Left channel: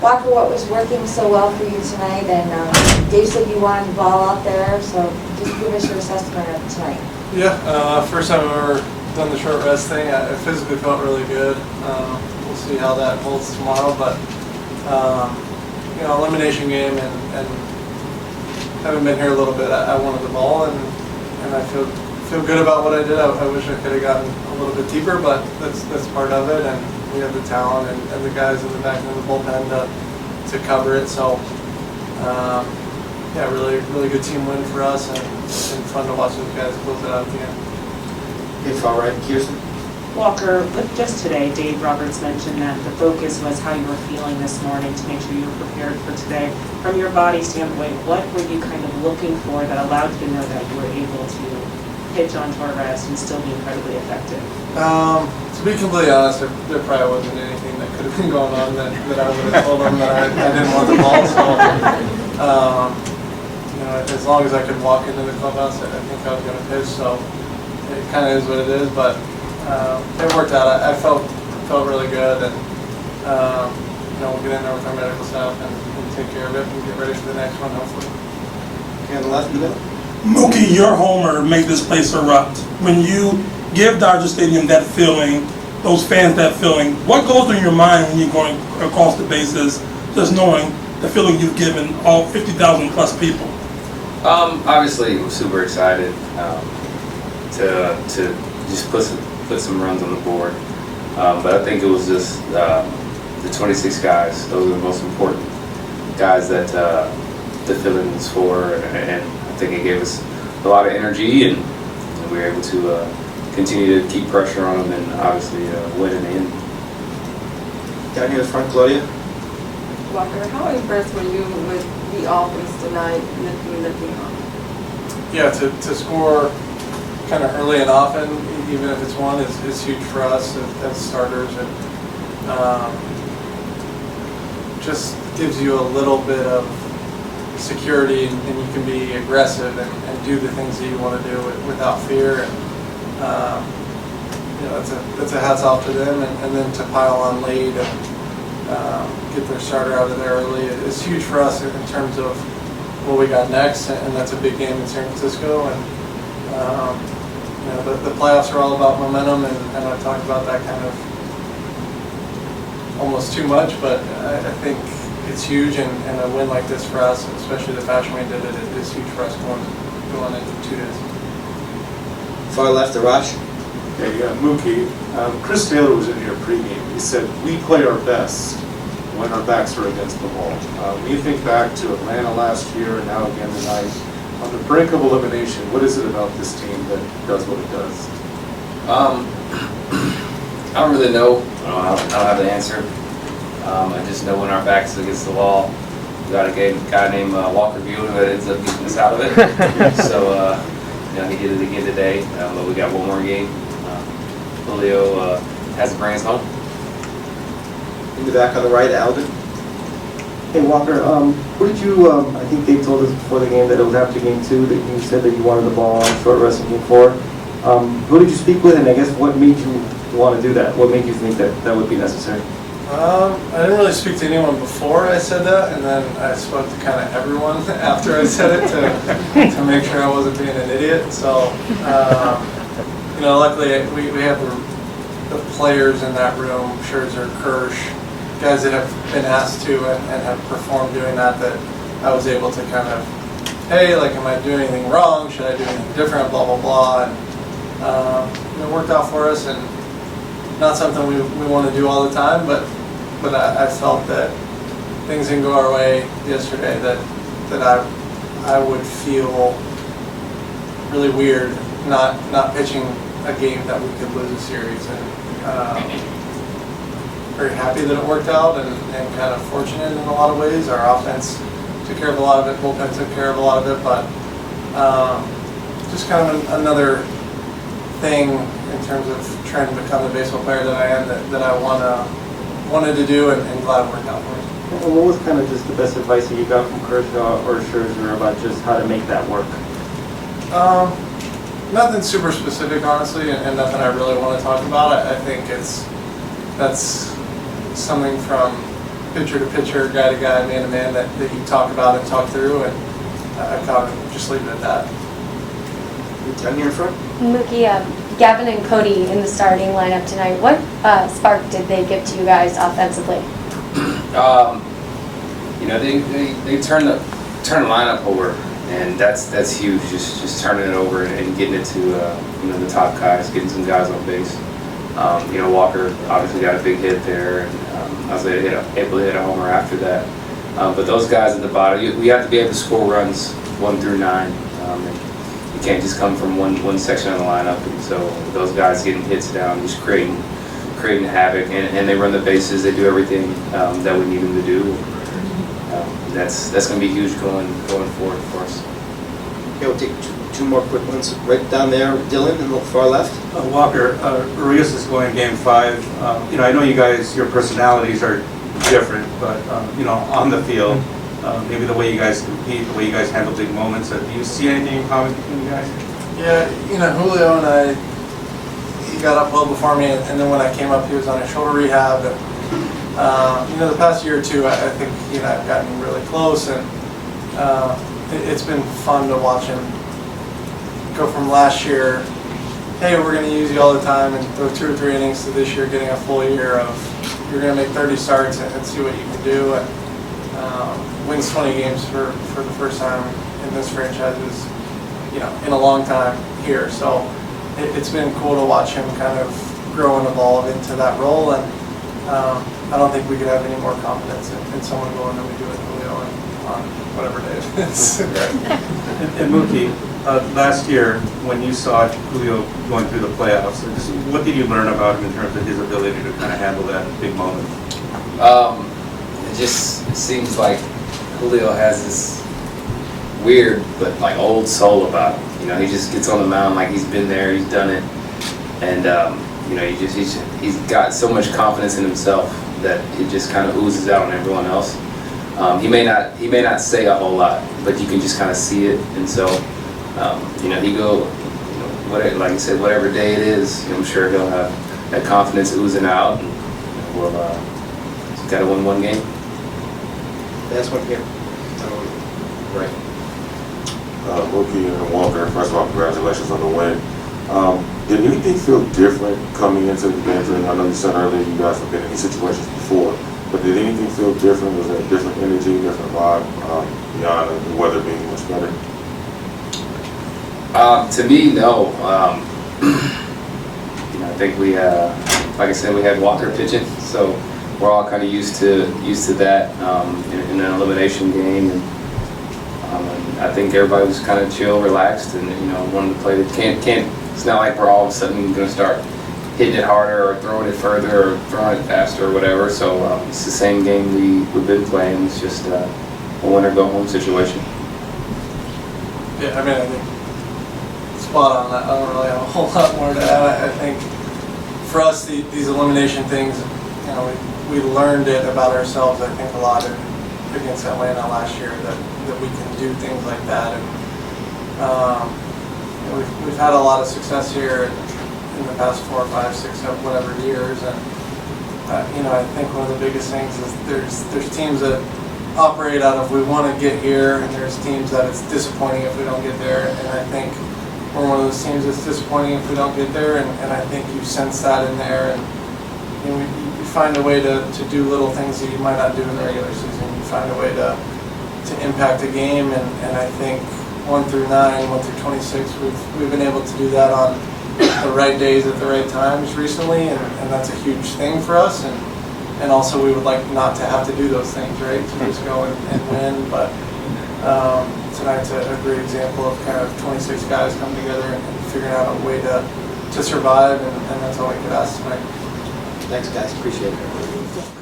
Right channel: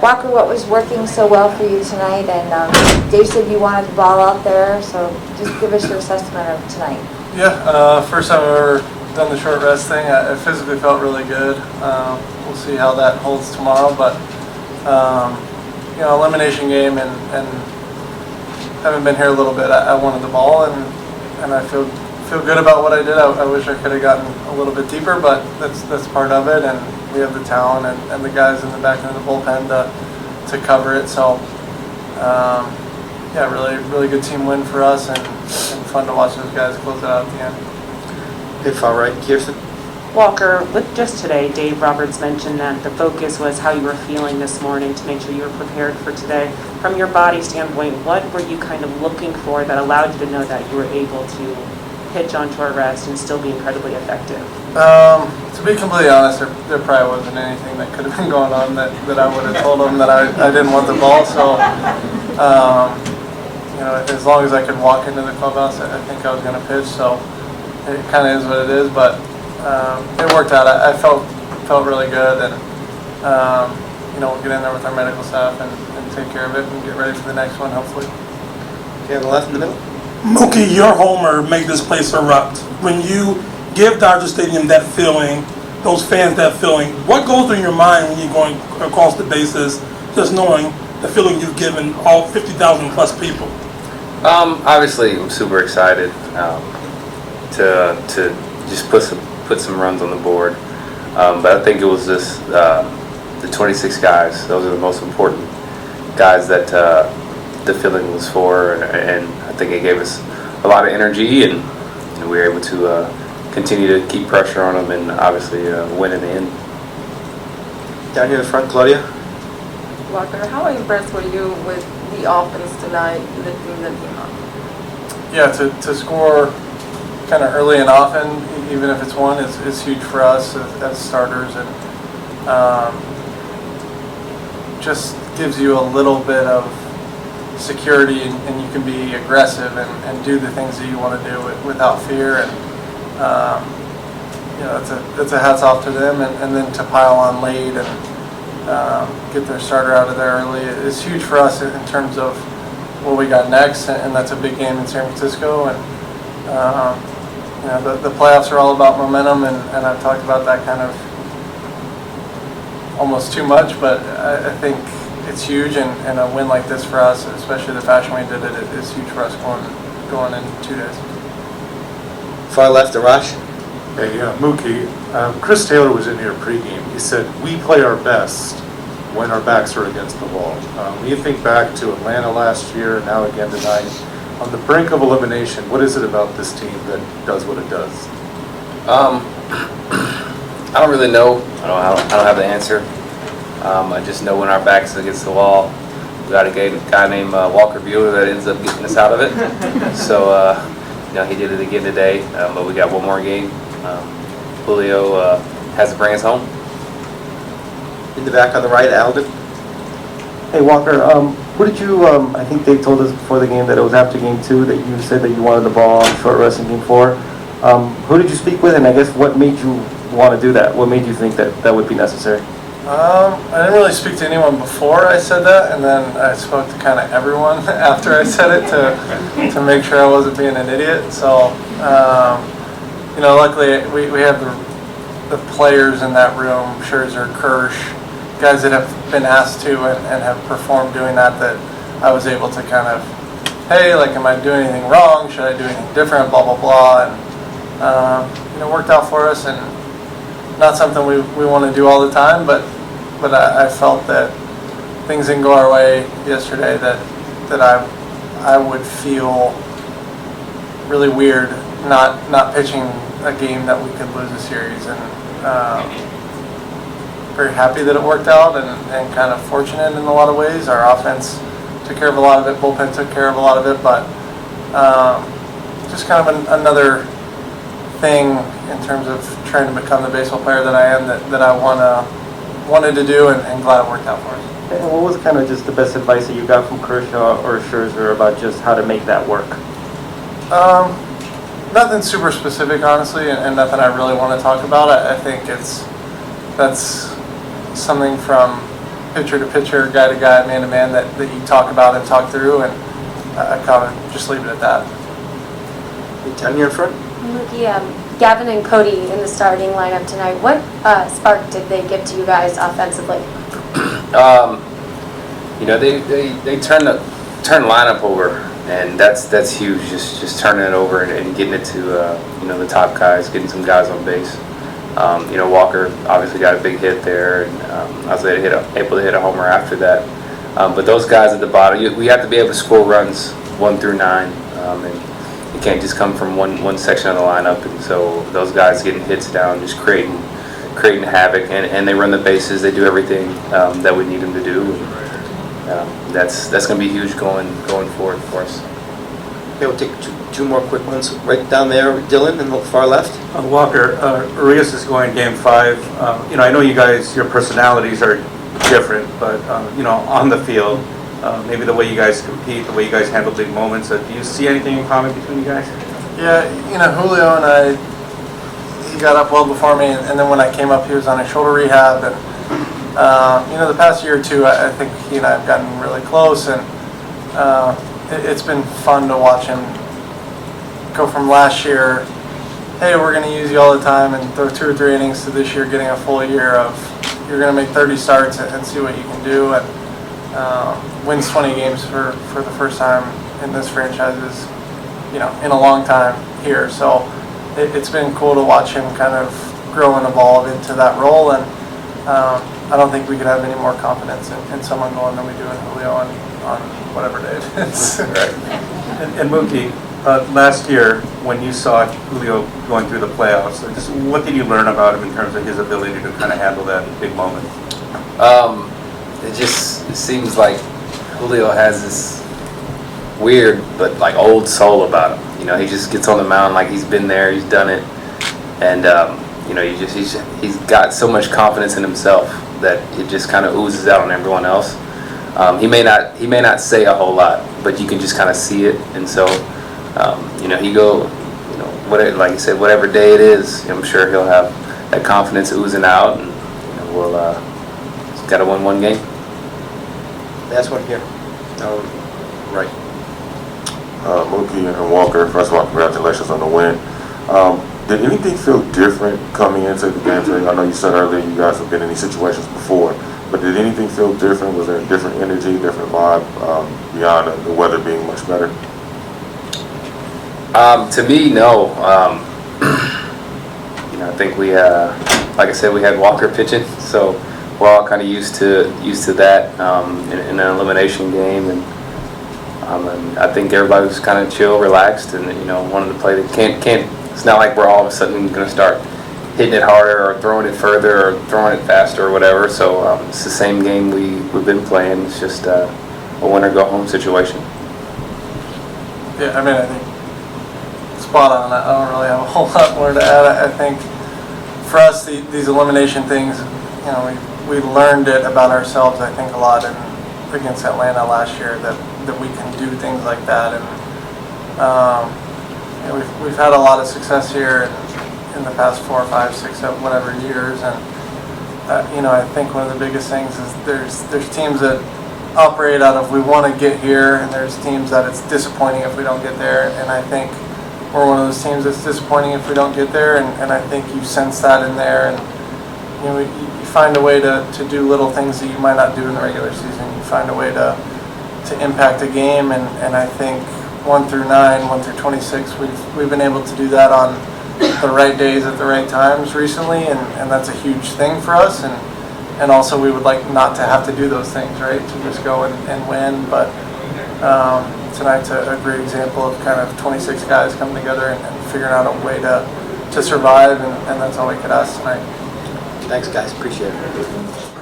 Walker, what was working so well for you tonight? And Dave said you wanted the ball out there, so just give us your assessment of tonight. Yeah, first time I've ever done the short rest thing. I physically felt really good. We'll see how that holds tomorrow, but you know, elimination game, and having been here a little bit, I wanted the ball, and I feel good about what I did. I wish I could have gotten a little bit deeper, but that's part of it, and we have the talent and the guys in the back end of the bullpen to cover it. So yeah, really good team win for us, and fun to watch those guys close it out at the end. Good far right, Kirsten. Walker, with just today, Dave Roberts mentioned that the focus was how you were feeling this morning to make sure you were prepared for today. From your body standpoint, what were you kind of looking for that allowed you to know that you were able to pitch on short rest and still be incredibly effective? To be completely honest, there probably wasn't anything that could have been going on that I would have told them that I didn't want the ball. So, you know, as long as I could walk into the clubhouse, I think I was going to pitch. So it kind of is what it is, but it worked out. I felt really good, and you know, we'll get in there with our medical staff and take care of it and get ready for the next one, hopefully. Okay, on the left in the middle. Mookie, your homer made this place erupt. When you give Dodger Stadium that feeling, those fans that feeling, what goes through your mind when you're going across the bases, just knowing the feeling you've given all 50,000 plus people? Obviously, I'm super excited to just put some runs on the board. But I think it was just the 26 guys. Those are the most important guys that the feeling was for, and I think it gave us a lot of energy, and we were able to continue to keep pressure on them and obviously win in the end. Down here in front, Claudia. Walker, how impressed were you with the offense tonight and the team that came out? Yeah, to score kind of early and often, even if it's one, is huge for us as starters, and just gives you a little bit of security, and you can be aggressive and do the things that you want to do without fear. And you know, it's a hats off to them, and then to pile on late and get their starter out of there early is huge for us in terms of what we got next, and that's a big game in San Francisco. And you know, the playoffs are all about momentum, and I've talked about that kind of almost too much, but I think it's huge, and a win like this for us, especially the fashion we did it, is huge for us going into 2 days. Far left, Arash. Hey, Mookie, Chris Taylor was in here pregame. He said, we play our best when our backs are against the ball. When you think back to Atlanta last year and now again tonight, on the brink of elimination, what is it about this team that does what it does? I don't really know. I don't have the answer. I just know when our backs is against the wall, we got a guy named Walker Buehler that ends up getting us out of it. So, you know, he did it again today, but we got one more game. Julio has to bring us home. In the back on the right, Alvin. Hey Walker, what did you, I think they told us before the game that it was after game 2 that you said that you wanted the ball on short rest in game 4. Who did you speak with, and I guess what made you want to do that? What made you think that that would be necessary? I didn't really speak to anyone before I said that, and then I spoke to kind of everyone after I said it to make sure I wasn't being an idiot. So, you know, luckily we have the players in that room, Scherzer, Kirsch, guys that have been asked to and have performed doing that I was able to kind of, hey, like, am I doing anything wrong? Should I do anything different? Blah, blah, blah. And, you know, it worked out for us, and not something we want to do all the time, but I felt that things didn't go our way yesterday, that I would feel really weird not pitching a game that we could lose a series, and very happy that it worked out, and kind of fortunate in a lot of ways. Our offense took care of a lot of it, bullpen took care of a lot of it, but just kind of another thing in terms of trying to become the baseball player that I am, that I wanted to do, and glad it worked out for me. And what was kind of just the best advice that you got from Kershaw or Scherzer about just how to make that work? Nothing super specific, honestly, and nothing I really want to talk about. I think that's something from pitcher to pitcher, guy to guy, man to man that you talk about and talk through, and I kind of just leave it at that. Down here in front? Mookie, Gavin and Cody in the starting lineup tonight, what spark did they give to you guys offensively? You know, they turn the lineup over, and that's huge. Just turning it over and getting it to you know, the top guys, getting some guys on base. You know, Walker obviously got a big hit there, and I was able to hit a homer after that. But those guys at the bottom, we have to be able to score runs 1 through 9, and you can't just come from one section of the lineup. And so those guys getting hits down, just creating havoc, and they run the bases. They do everything that we need them to do. That's going to be huge going forward for us. Okay, we'll take two more quick ones. Right down there, Dylan, and look far left. Walker, Urias is going Game 5. You know, I know you guys, your personalities are different, but you know, on the field, maybe the way you guys compete, the way you guys handle big moments. Do you see anything in common between you guys? Yeah, you know, Julio and I, he got up well before me, and then when I came up, he was on his shoulder rehab, and you know, the past year or two, I think he and I have gotten really close, and it's been fun to watch him go from last year, hey, we're going to use you all the time, and throw 2 or 3 innings, to this year getting a full year of you're going to make 30 starts and see what you can do, and wins 20 games for the first time in this franchise is, you know, in a long time here. So it's been cool to watch him kind of grow and evolve into that role, and I don't think we could have any more confidence in someone going than we do in Julio on whatever day it is. And Mookie, last year when you saw Julio going through the playoffs, just what did you learn about him in terms of his ability to kind of handle that big moment? It seems like Julio has this weird but like old soul about him. You know, he just gets on the mound like he's been there, he's done it, and you know, he's got so much confidence in himself that it just kind of oozes out on everyone else. He may not say a whole lot, but you can just kind of see it, and so you know, whatever, like you said, whatever day it is, I'm sure he'll have that confidence oozing out, and you know, we'll just got to win one game. Last one here. Right. Mookie and Walker, first of all, congratulations on the win. Did anything feel different coming into the game? I know you said earlier you guys have been in these situations before, but did anything feel different? Was there a different energy, different vibe beyond the weather being much better? To me, no. You know, I think we, like I said, we had Walker pitching, so we're all kind of used to that in an elimination game, and I think everybody was kind of chill, relaxed, and you know, wanted to play. Can't. It's not like we're all of a sudden going to start hitting it harder or throwing it further or throwing it faster or whatever. So it's the same game we've been playing. It's just a winner-go-home situation. Yeah, I mean, I think spot on. I don't really have a whole lot more to add. I think for us, these elimination things, you know, we learned it about ourselves, I think, a lot against Atlanta last year, that we can do things like that. And you know, we've had a lot of success here in the past 4, 5, 6, 7, whatever years, and you know, I think one of the biggest things is there's teams that operate out of we want to get here, and there's teams that it's disappointing if we don't get there, and I think we're one of those teams that's disappointing if we don't get there, and I think you sense that in there, and you know, you find a way to do little things that you might not do in the regular season. You find a way to impact a game, and I think 1 through 9, 1 through 26, we've been able to do that on the right days at the right times recently, and that's a huge thing for us, and also we would like not to have to do those things, right, to just go and win, but tonight's a great example of kind of 26 guys coming together and figuring out a way to survive, and that's all we could ask tonight. Thanks, guys. Appreciate it.